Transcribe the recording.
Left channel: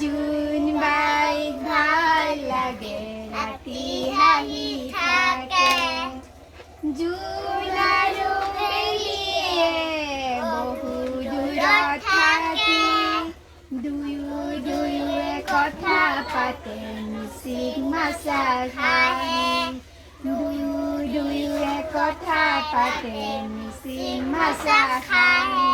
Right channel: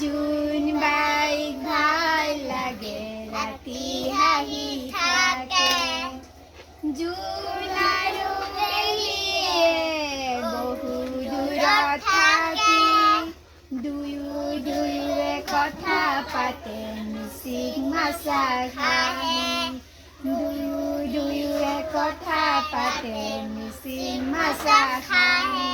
জোন bike ভাল লাগে ৰাতি হাঁহি থাকে জোন আৰু মেলিয়ে বহু দূৰত থাকি দুয়োৱে কথা পাতে মিচিং মাছা খায় দুয়োৱে কথা পাতে মিচিং মাছা খায়